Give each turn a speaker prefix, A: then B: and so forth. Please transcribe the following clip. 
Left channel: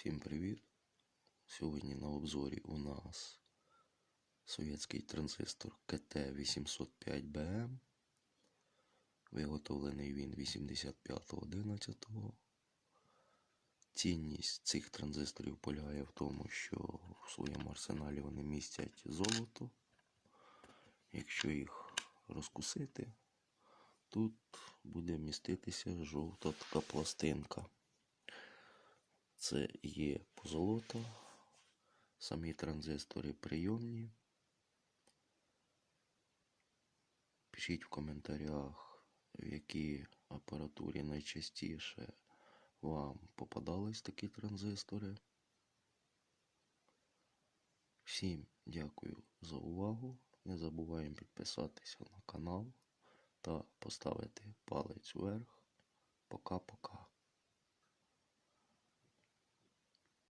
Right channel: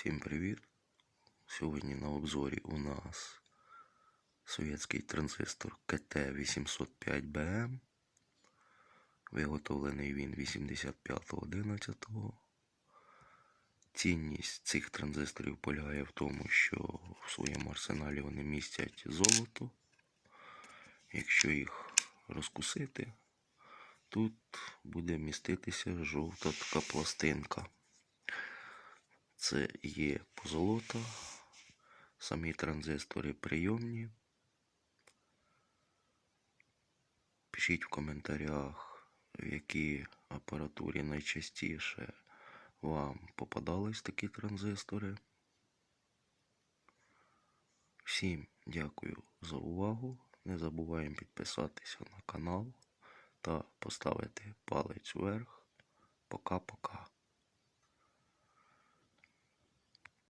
A: Всім привіт! Сьогодні на обзорі у нас совєтський транзистор КТ-805БМ. Виготовлений він 85.11. Цінність цих транзисторів полягає в тому, що в своєму арсеналі вони містять золото. Якщо їх розкусити, тут буде міститися жовта така пластинка. Це є позолота, самі транзистори прийомні. Пишіть в коментарях, в якій апаратурі найчастіше вам попадались такі транзистори. Всім дякую за увагу. Не забуваємо підписатися на канал та поставити палець вверх. Пока-пока.